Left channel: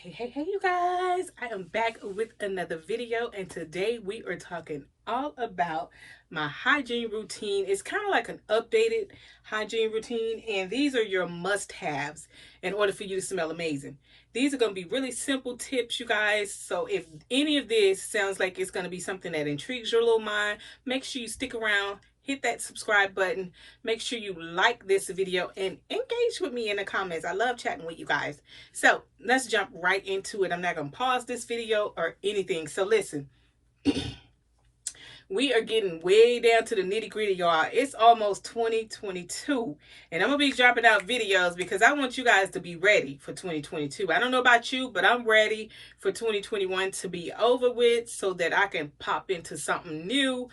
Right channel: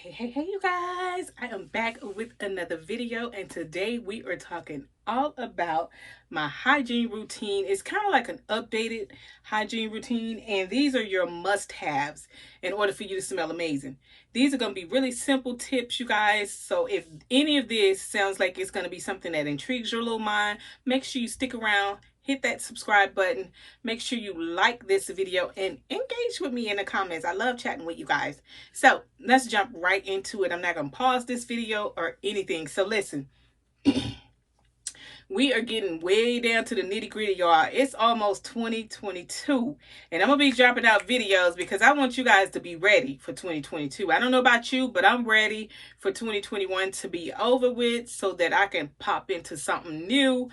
Hey, you guys, I am back with another video, and today we are talking all about my hygiene routine. It's kind of like an updated hygiene routine, and these are your must-haves in order for you to smell amazing. These are going to be really simple tips, you guys. So if any of this sounds like it's going to be something that intrigues your little mind, make sure you stick around. Hit that subscribe button. Make sure you like this video and engage with me in the comments. I love chatting with you guys. So let's jump right into it. I'm not going to pause this video or anything. So listen, we are getting way down to the nitty gritty, y'all. It's almost 2022, and I'm going to be dropping out videos because I want you guys to be ready for 2022. I don't know about you, but I'm ready for 2021 to be over with so that I can pop into something new.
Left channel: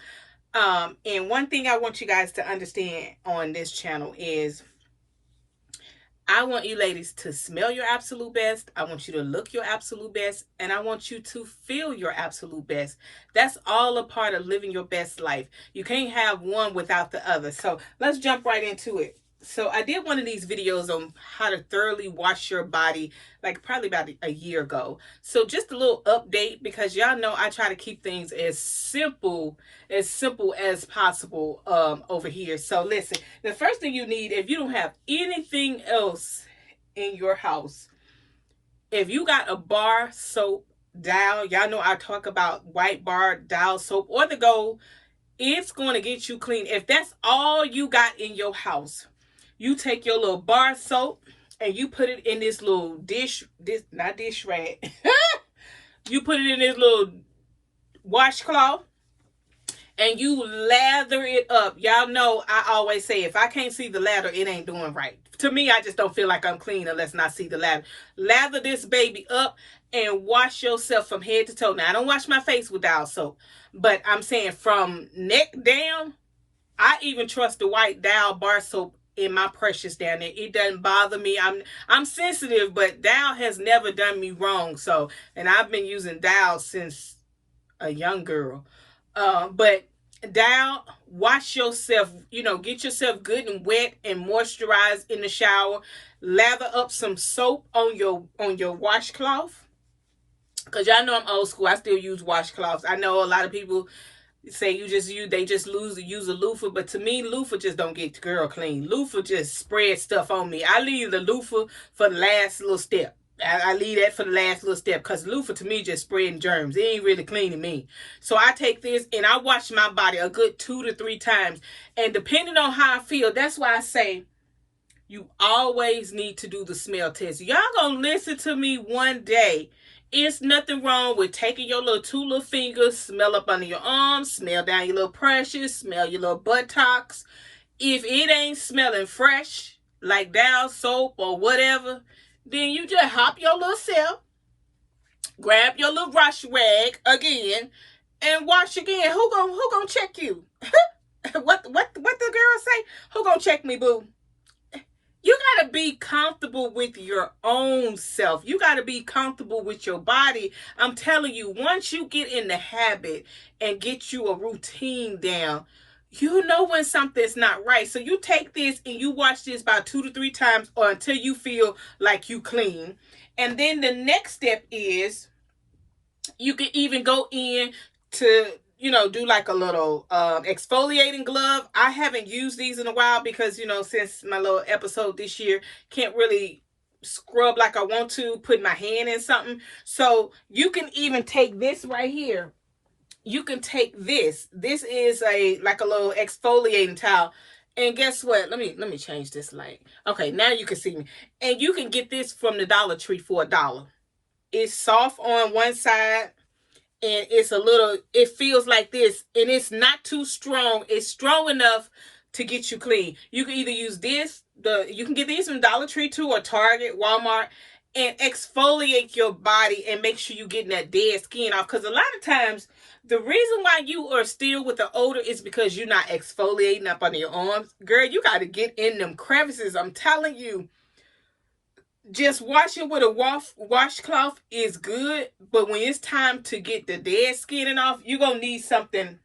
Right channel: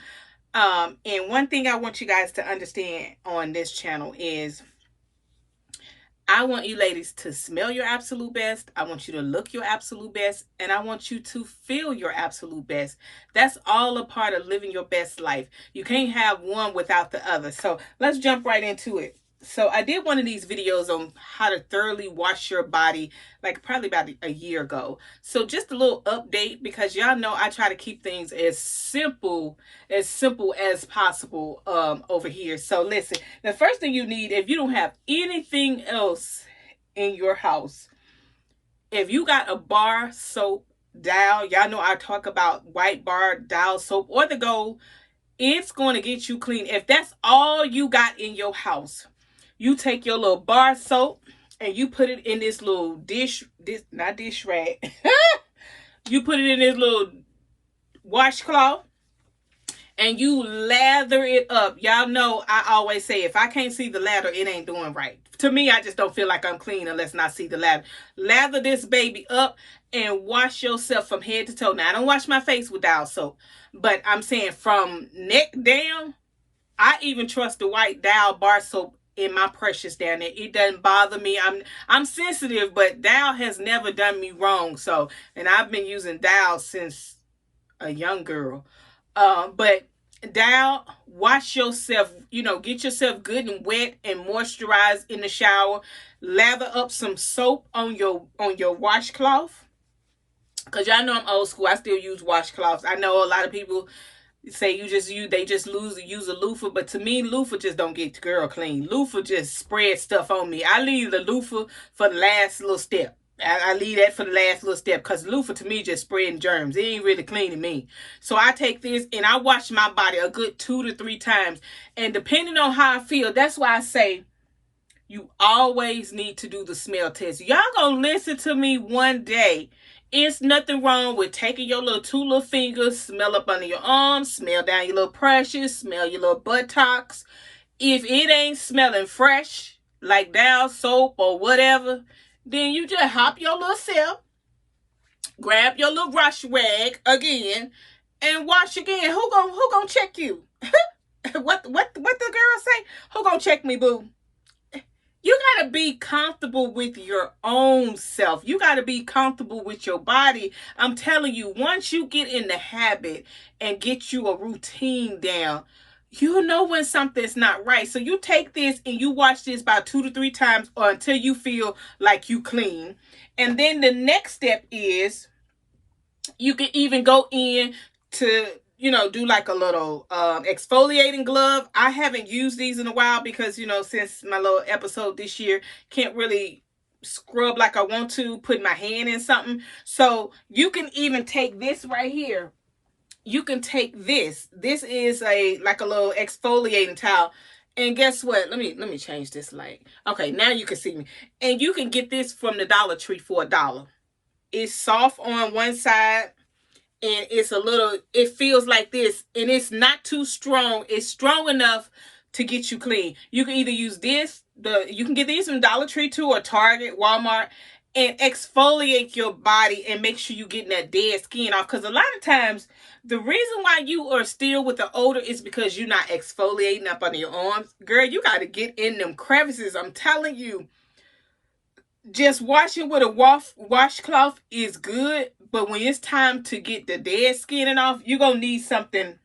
And one thing I want you guys to understand on this channel is I want you ladies to smell your absolute best. I want you to look your absolute best. And I want you to feel your absolute best. That's all a part of living your best life. You can't have one without the other. So let's jump right into it. So I did one of these videos on how to thoroughly wash your body, like probably about a year ago. So just a little update, because y'all know I try to keep things as simple as possible over here. So listen, the first thing you need, if you don't have anything else in your house, if you got a bar soap, dial, y'all know I talk about white bar dial soap or the gold, it's going to get you clean. If that's all you got in your house, you take your little bar soap and you put it in this little not dish rag. You put it in this little washcloth and you lather it up. Y'all know I always say, if I can't see the lather, it ain't doing right. To me, I just don't feel like I'm clean unless I see the lather. Lather this baby up and wash yourself from head to toe. Now, I don't wash my face with dial soap, but I'm saying from neck down, I even trust the white dial bar soap in my precious down there. It doesn't bother me. I'm sensitive, but dial has never done me wrong. So, and I've been using dial since a young girl. But dial, wash yourself, get yourself good and wet and moisturize in the shower. Lather up some soap on your washcloth. Cause y'all know I'm old school. I still use washcloths. I know a lot of people say they just use a loofah, but to me, loofah just don't get girl clean. Loofah just spread stuff on me. I leave the loofah for the last little step. I leave that for the last little step, because loofah to me just spreading germs. It ain't really cleaning me. So I take this and I wash my body a good 2 to 3 times. And depending on how I feel, that's why I say you always need to do the smell test. Y'all gonna listen to me one day. It's nothing wrong with taking your two little fingers, smell up under your arms, smell down your little precious, smell your little buttocks. If it ain't smelling fresh, like dial soap or whatever, then you just hop your little self, grab your little brush rag again, and wash again. Who gonna check you? What the girl say? Who gonna check me, boo? You got to be comfortable with your own self. You got to be comfortable with your body. I'm telling you, once you get in the habit and get you a routine down, you know when something's not right. So you take this and you wash this about 2 to 3 times or until you feel like you clean. And then the next step is you can even go in to do like a little exfoliating glove. I haven't used these in a while because, since my little episode this year, can't really scrub like I want to, put my hand in something. So you can even take this right here. You can take this. This is like a little exfoliating towel. And guess what? Let me change this light. Okay, now you can see me. And you can get this from the Dollar Tree for $1. It's soft on one side. And it feels like this, and it's not too strong. It's strong enough to get you clean. You can either use this, you can get these from Dollar Tree too, or Target, Walmart, and exfoliate your body and make sure you're getting that dead skin off. Because a lot of times, the reason why you are still with the odor is because you're not exfoliating up under your arms. Girl, you got to get in them crevices. I'm telling you. Just washing with a washcloth is good, but when it's time to get the dead skin off, you're going to need something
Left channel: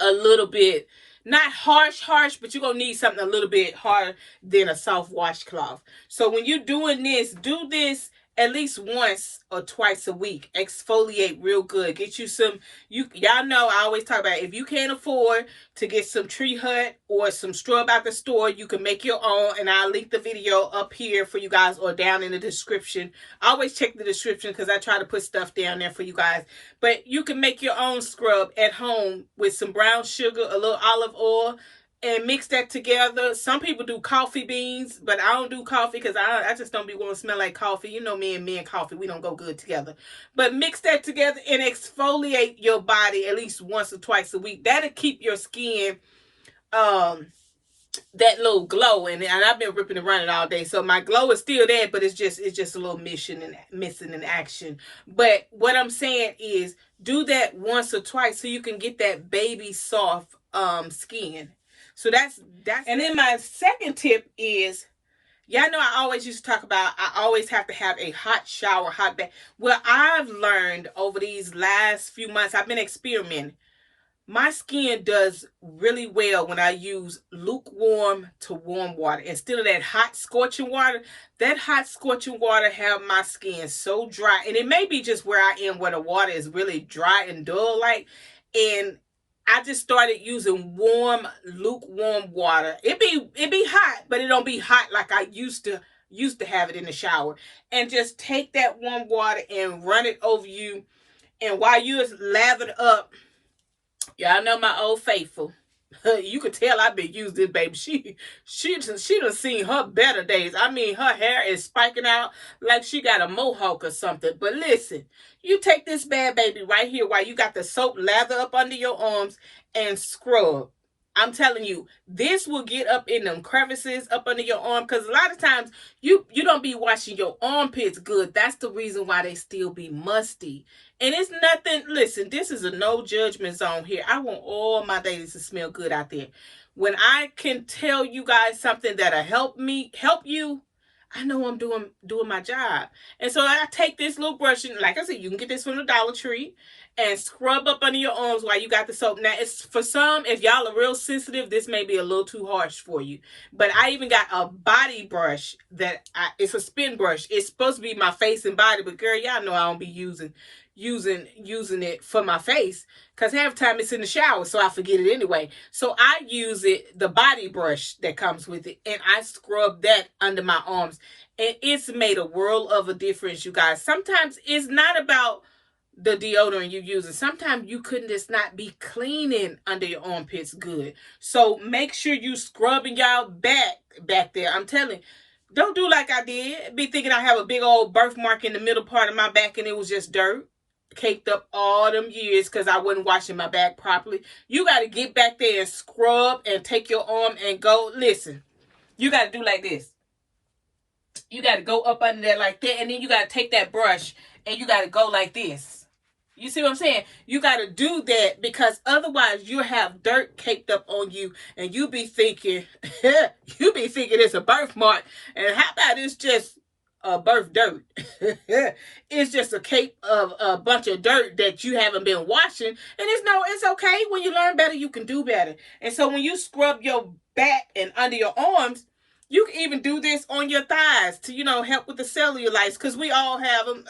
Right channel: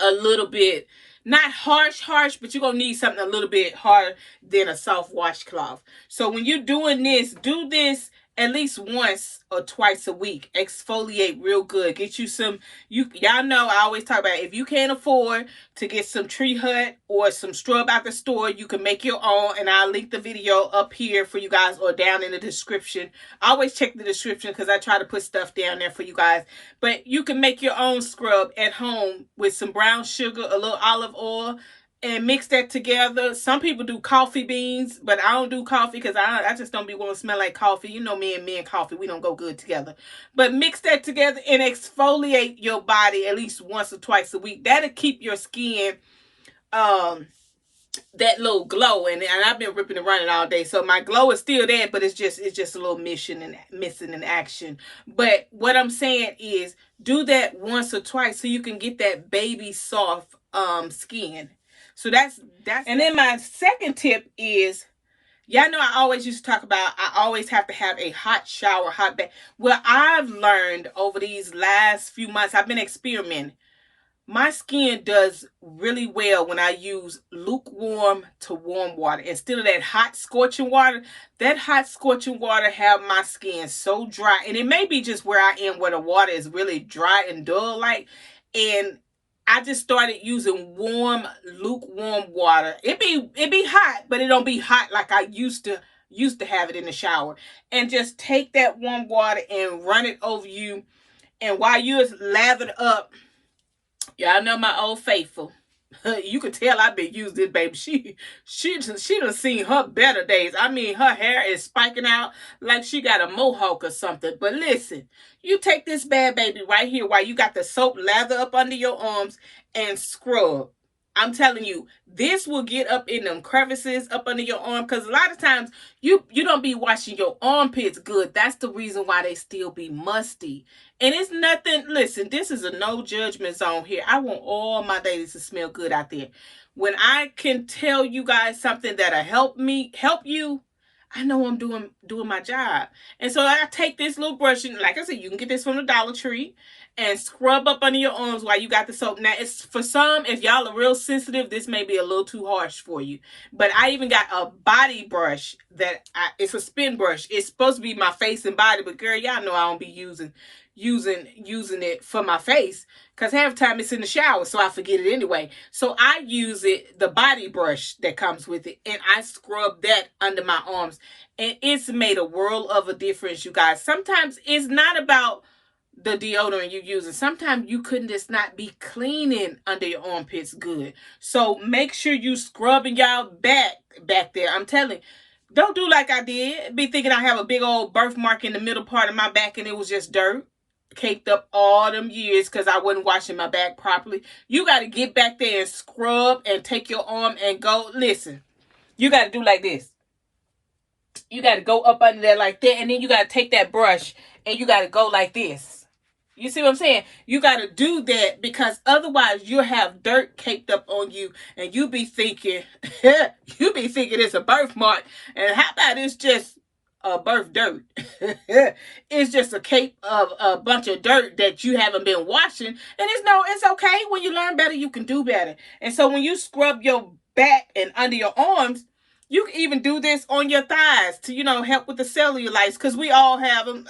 a little bit, not harsh, but you're going to need something a little bit harder than a soft washcloth. So when you're doing this, do this at least once or twice a week. Exfoliate real good. Get you some, y'all know I always talk about it. If you can't afford to get some Tree Hut or some scrub out the store, you can make your own, and I'll link the video up here for you guys or down in the description. I always check the description because I try to put stuff down there for you guys. But you can make your own scrub at home with some brown sugar, a little olive oil, and mix that together. Some people do coffee beans, but I don't do coffee because I just don't be wanting to smell like coffee. You know, me and coffee, we don't go good together. But mix that together and exfoliate your body at least once or twice a week. That'll keep your skin that little glow. And I've been ripping and running all day, so my glow is still there, but it's just a little missing in action. But what I'm saying is, do that once or twice so you can get that baby soft skin. So that's and then my second tip is, y'all know I always used to talk about, I always have to have a hot shower, hot bath. Well, I've learned over these last few months, I've been experimenting. My skin does really well when I use lukewarm to warm water. Instead of that hot scorching water, that hot scorching water have my skin so dry. And it may be just where I am, where the water is really dry and dull like. And I just started using warm, lukewarm water. It be hot, but it don't be hot like I used to have it in the shower. And just take that warm water and run it over you. And while you're lathered up, y'all know my old faithful. You could tell I've been using this baby. She done seen her better days. I mean, her hair is spiking out like she got a mohawk or something. But listen, you take this bad baby right here while you got the soap lather up under your arms and scrub. I'm telling you, this will get up in them crevices up under your arm, because a lot of times you don't be washing your armpits good. That's the reason why they still be musty. And it's nothing, listen, this is a no judgment zone here. I want all my ladies to smell good out there. When I can tell you guys something that'll help you, I know I'm doing my job. And so I take this little brush, and like I said, you can get this from the Dollar Tree, and scrub up under your arms while you got the soap. Now, it's for some, if y'all are real sensitive, this may be a little too harsh for you. But I even got a body brush it's a spin brush. It's supposed to be my face and body, but girl, y'all know I don't be using it for my face, because half the time it's in the shower, so I forget it anyway. So I use the body brush that comes with it, and I scrub that under my arms. And it's made a world of a difference, you guys. Sometimes it's not about the deodorant you using. Sometimes you couldn't just not be cleaning under your armpits good. So make sure you scrubbing y'all back there. I'm telling you, don't do like I did. Be thinking I have a big old birthmark in the middle part of my back and it was just dirt caked up all them years because I wasn't washing my back properly. You got to get back there and scrub and take your arm and go. Listen, you got to do like this. You got to go up under there like that, and then you got to take that brush and you got to go like this. You see what I'm saying? You got to do that, because otherwise you'll have dirt caked up on you, and you be thinking, it's a birthmark. And how about it's just a birth dirt? It's just a cape of a bunch of dirt that you haven't been washing. And it's okay. When you learn better, you can do better. And so when you scrub your back and under your arms, you can even do this on your thighs to, help with the cellulites, because we all have them.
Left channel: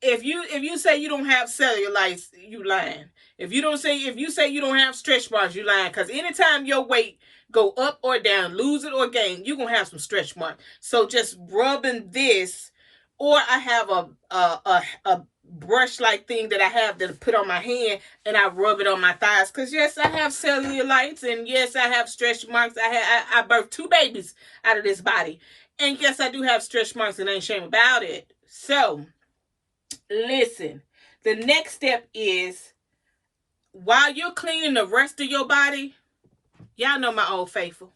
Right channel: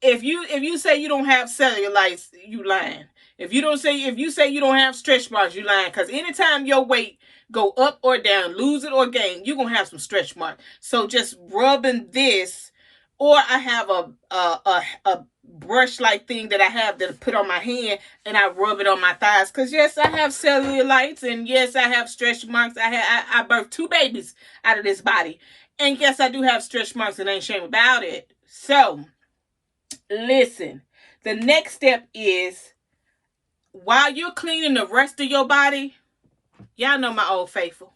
If you say you don't have cellulites, you lying. If you say you don't have stretch marks, you lying. Because anytime your weight go up or down, lose it or gain, you're gonna have some stretch marks. So just rubbing this, or I have a brush like thing that I have that I put on my hand, and I rub it on my thighs. Because yes, I have cellulites, and yes, I have stretch marks. I birthed 2 babies out of this body, and yes, I do have stretch marks, and I ain't shame about it. So listen, the next step is, while you're cleaning the rest of your body, y'all know my old faithful,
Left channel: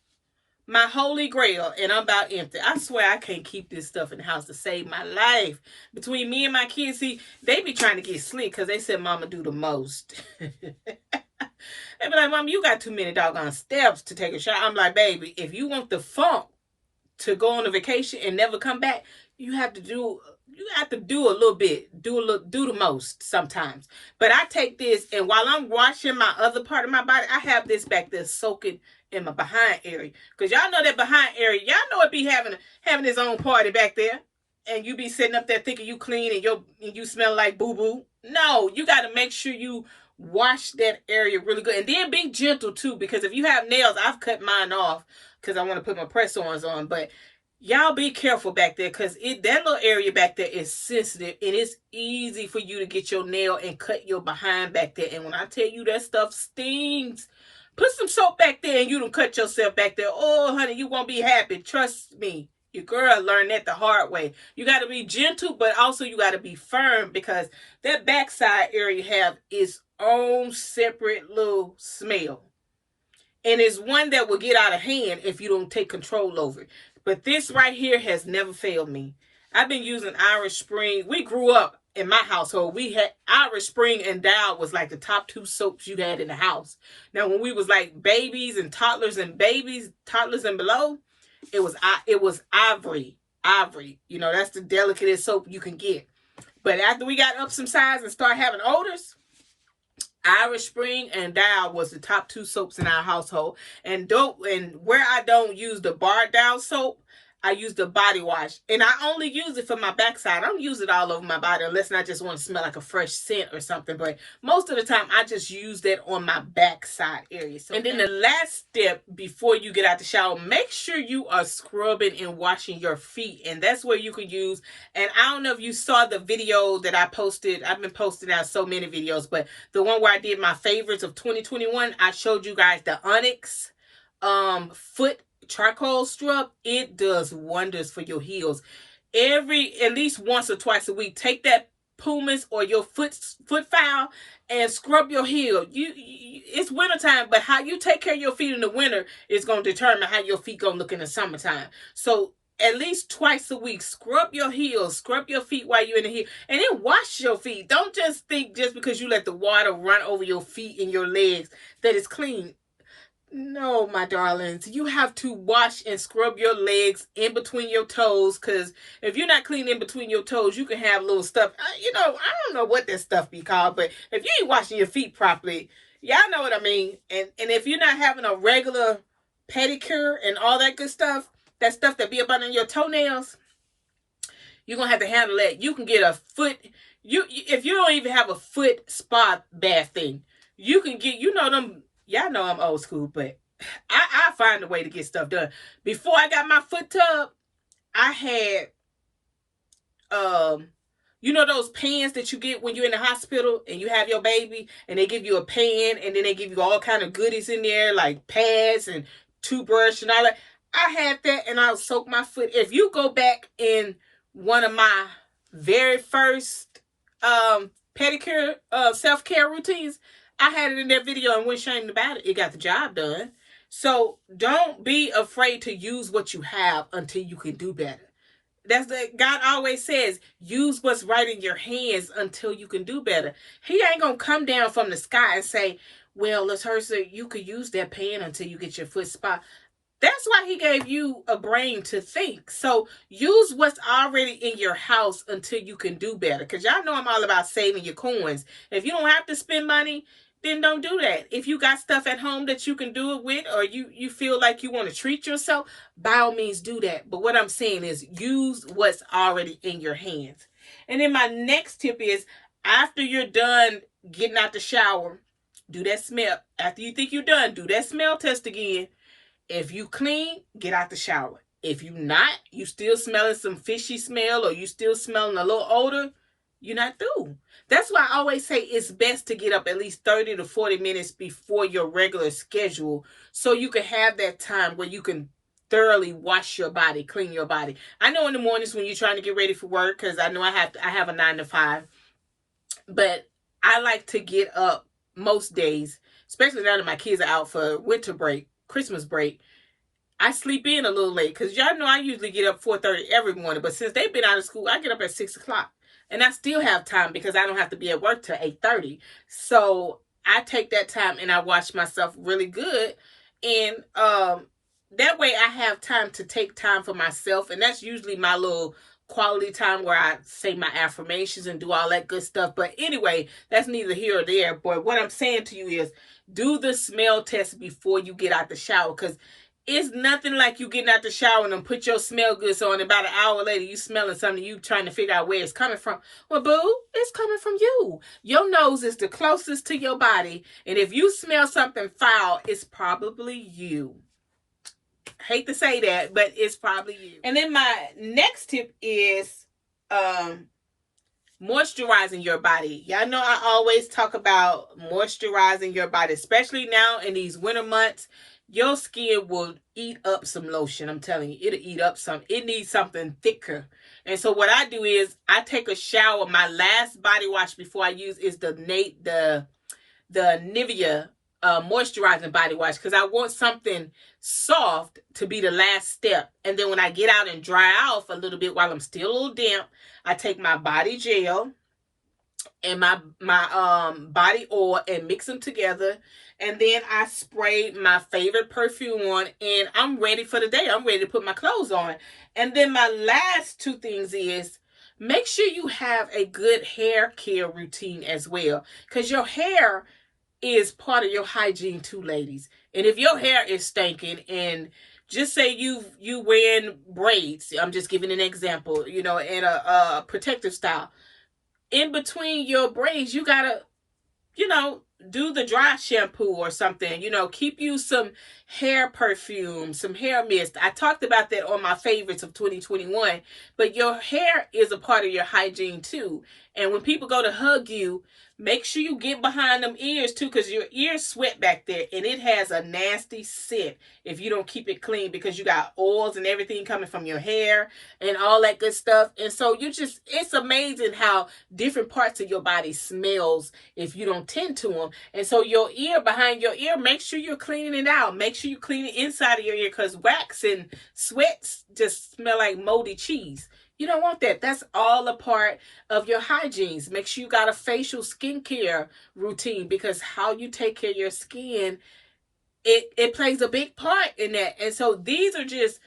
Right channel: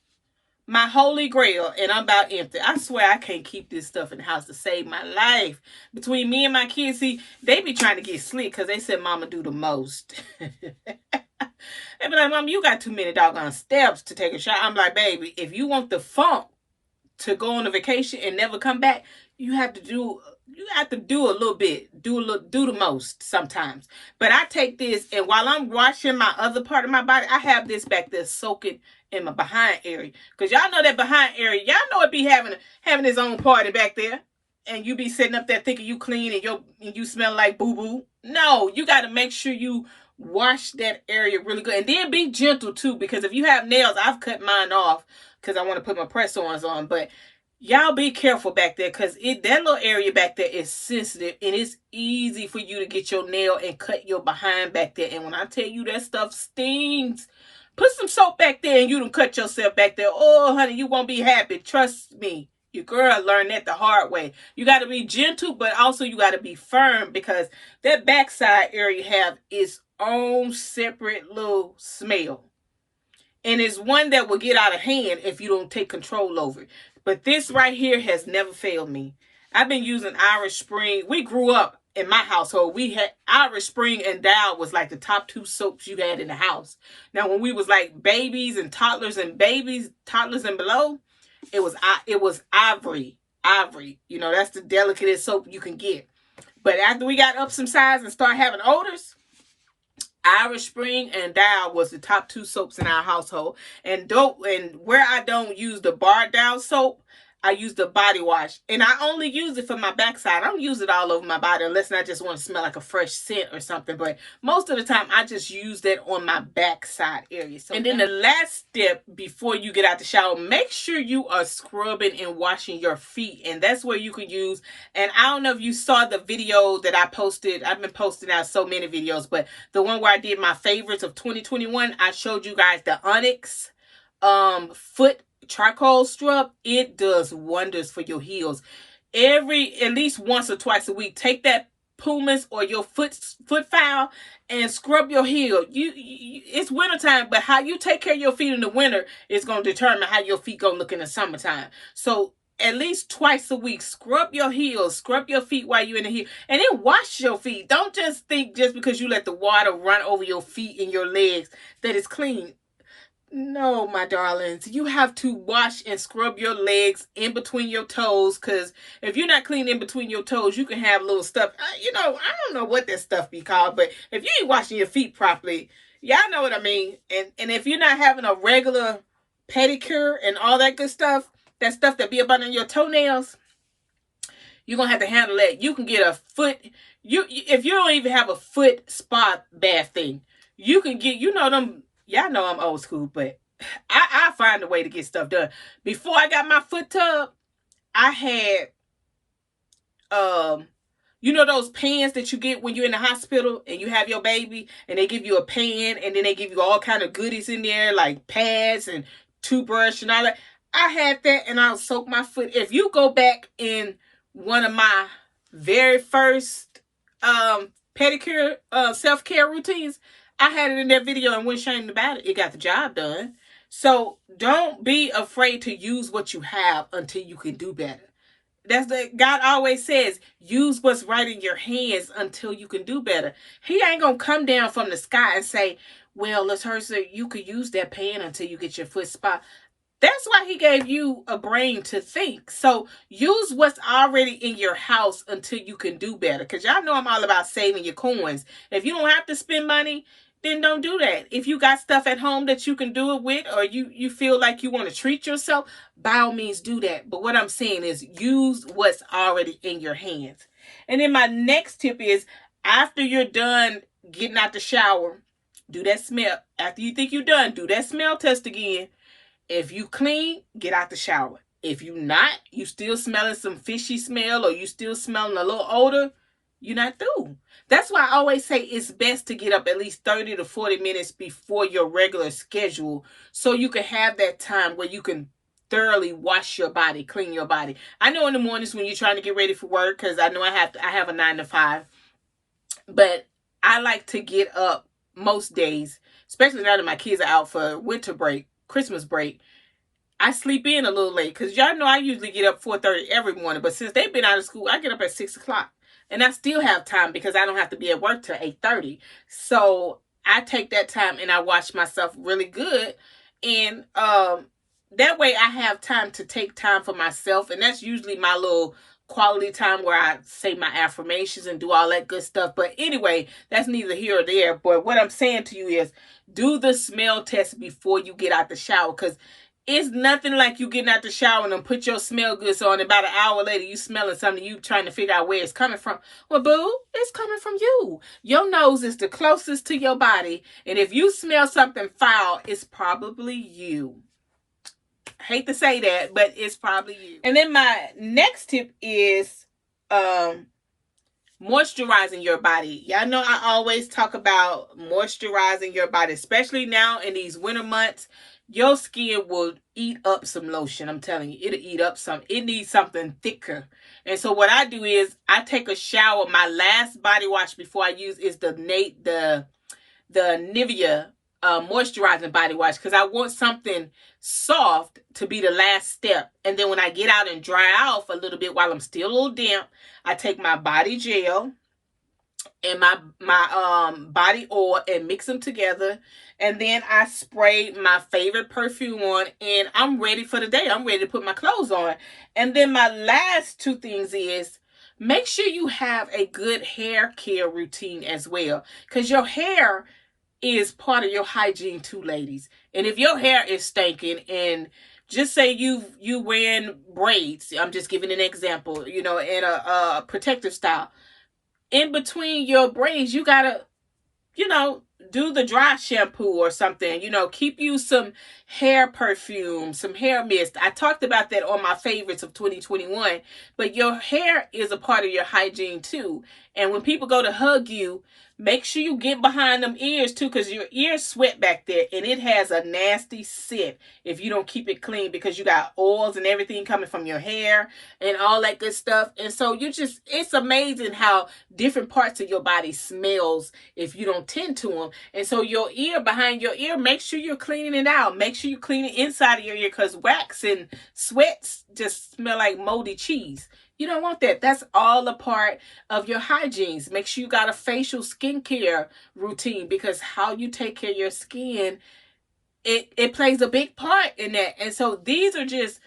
my holy grail, and I'm about empty. I swear I can't keep this stuff in the house to save my life. Between me and my kids, see, they be trying to get slick because they said mama do the most. They be like, Mama, you got too many doggone steps to take a shower. I'm like, baby, if you want the funk to go on a vacation and never come back, you have to do a little bit, do the most sometimes. But I take this, and while I'm washing my other part of my body, I have this back there soaking in my behind area. Because y'all know that behind area, y'all know it be having its own party back there. and you be sitting up there thinking you clean and you smell like boo-boo. No, you got to make sure you wash that area really good. And then be gentle too, because if you have nails, I've cut mine off because I want to put my press-ons on. But y'all be careful back there, because that little area back there is sensitive, and it's easy for you to get your nail and cut your behind back there. And when I tell you that stuff stings, put some soap back there and you done cut yourself back there. Oh, honey, you won't be happy. Trust me. Your girl learned that the hard way. You got to be gentle, but also you got to be firm, because that backside area you have is own separate little smell. And it's one that will get out of hand if you don't take control over it. But this right here has never failed me. I've been using Irish Spring. We grew up in my household. We had Irish Spring and Dow was like the top 2 soaps you had in the house. Now, when we was like babies and toddlers and below, it was Ivory. You know, that's the delicatest soap you can get. But after we got up some size and started having odors, Irish Spring and Dow was the top 2 soaps in our household. And where I don't use the bar down soap, I use the body wash. And I only use it for my backside. I don't use it all over my body unless I just want to smell like a fresh scent or something. But most of the time, I just use that on my backside area. So, and then the last step before you get out the shower, make sure you are scrubbing and washing your feet. And that's where you can use, and I don't know if you saw the video that I posted. I've been posting out so many videos, but the one where I did my favorites of 2021, I showed you guys the Onyx foot charcoal scrub. It does wonders for your heels. At least once or twice a week, take that PERFUMES or your foot file and scrub your heel. It's wintertime, but how you take care of your feet in the winter is going to determine how your feet going to look in the summertime. So at least twice a week, scrub your heels, scrub your feet while you're in the heel, and then wash your feet. Don't just think just because you let the water run over your feet and your legs that it's clean. No, my darlings, you have to wash and scrub your legs in between your toes, because if you're not clean in between your toes, you can have little stuff. I don't know what that stuff be called, but if you ain't washing your feet properly, y'all know what I mean. And if you're not having a regular pedicure and all that good stuff, that stuff that be up under your toenails, you're going to have to handle that. You can get a foot, if you don't even have a foot spa bath thing, you can get, them. Y'all know I'm old school, but I find a way to get stuff done. Before I got my foot tub, I had, those pans that you get when you're in the hospital and you have your baby, and they give you a pan, and then they give you all kind of goodies in there, like pads and toothbrush and all that. I had that, and I'll soak my foot. If you go back in one of my very first pedicure self-care routines, I had it in that video and wasn't ashamed about it. It got the job done. So don't be afraid to use what you have until you can do better. God always says, use what's right in your hands until you can do better. He ain't going to come down from the sky and say, well, LaTersa, you could use that pan until you get your foot spa. That's why he gave you a brain to think. So use what's already in your house until you can do better. Because y'all know I'm all about saving your coins. If you don't have to spend money, then don't do that. If you got stuff at home that you can do it with, or you feel like you want to treat yourself, by all means do that. But what I'm saying is use what's already in your hands. And then my next tip is, after you're done getting out the shower, do that smell. After you think you're done, do that smell test again. If you clean, get out the shower. If you not, you still smelling some fishy smell, or you still smelling a little odor, you're not through. That's why I always say it's best to get up at least 30 to 40 minutes before your regular schedule, so you can have that time where you can thoroughly wash your body, clean your body. I know in the mornings when you're trying to get ready for work, because I know I have a 9 to 5, but I like to get up most days, especially now that my kids are out for winter break, Christmas break. I sleep in a little late, because y'all know I usually get up 4:30 every morning, but since they've been out of school, I get up at 6 o'clock. And I still have time because I don't have to be at work till 8:30. So I take that time and I wash myself really good. And that way I have time to take time for myself. And that's usually my little quality time where I say my affirmations and do all that good stuff. But anyway, that's neither here or there. But what I'm saying to you is, do the smell test before you get out the shower. Because It's nothing like you getting out the shower and put your smell goods on. About an hour later, you smelling something, you trying to figure out where it's coming from. Well, boo, it's coming from you. Your nose is the closest to your body. And if you smell something foul, it's probably you. I hate to say that, but it's probably you. And then my next tip is moisturizing your body. Y'all know I always talk about moisturizing your body, especially now in these winter months. Your skin will eat up some lotion. I'm telling you, it'll eat up some. It needs something thicker. And so what I do is I take a shower. My last body wash before I use is the Nivea moisturizing body wash, because I want something soft to be the last step. And then when I get out and dry off a little bit while I'm still a little damp, I take my body gel and my body oil and mix them together. And then I spray my favorite perfume on, and I'm ready for the day. I'm ready to put my clothes on. And then my last two things is make sure you have a good hair care routine as well, because your hair is part of your hygiene too, ladies. And if your hair is stinking, and just say you wearing braids, I'm just giving an example, you know, in a protective style. In between your braids, you gotta, you know, do the dry shampoo or something, you know, keep you some hair perfume, some hair mist. I talked about that on my favorites of 2021, but your hair is a part of your hygiene too. And when people go to hug you, make sure you get behind them ears too, because your ears sweat back there and it has a nasty scent if you don't keep it clean, because you got oils and everything coming from your hair and all that good stuff. And so it's amazing how different parts of your body smells if you don't tend to them. And so your ear, behind your ear, make sure you're cleaning it out. Make sure you clean the inside of your ear, because wax and sweats just smell like moldy cheese. You don't want that. That's all a part of your hygienes. Make sure you got a facial skincare routine, because how you take care of your skin, it plays a big part in that. And so these are just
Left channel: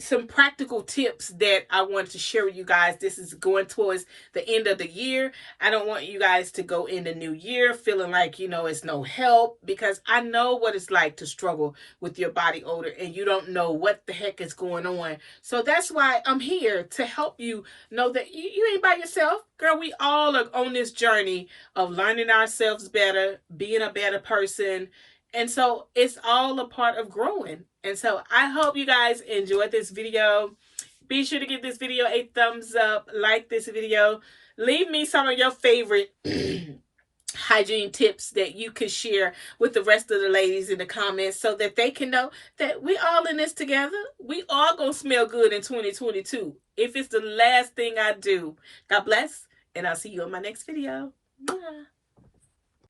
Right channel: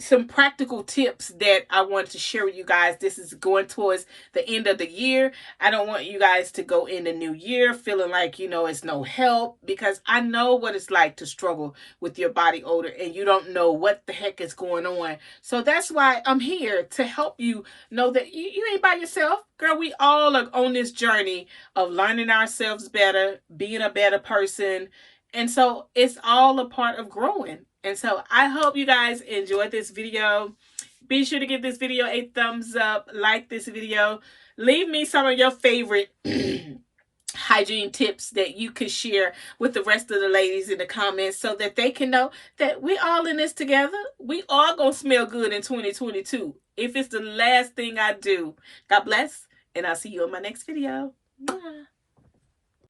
some practical tips that I wanted to share with you guys. This is going towards the end of the year. I don't want you guys to go in the new year feeling like, you know, it's no help, because I know what it's like to struggle with your body odor and you don't know what the heck is going on. So that's why I'm here to help you know that you ain't by yourself. Girl, we all are on this journey of learning ourselves better, being a better person. And so it's all a part of growing. And so I hope you guys enjoyed this video. Be sure to give this video a thumbs up, like this video. Leave me some of your favorite hygiene tips that you could share with the rest of the ladies in the comments, so that they can know that we all in this together. We all gonna smell good in 2022. If it's the last thing I do. God bless, and I'll see you on my next video. Bye.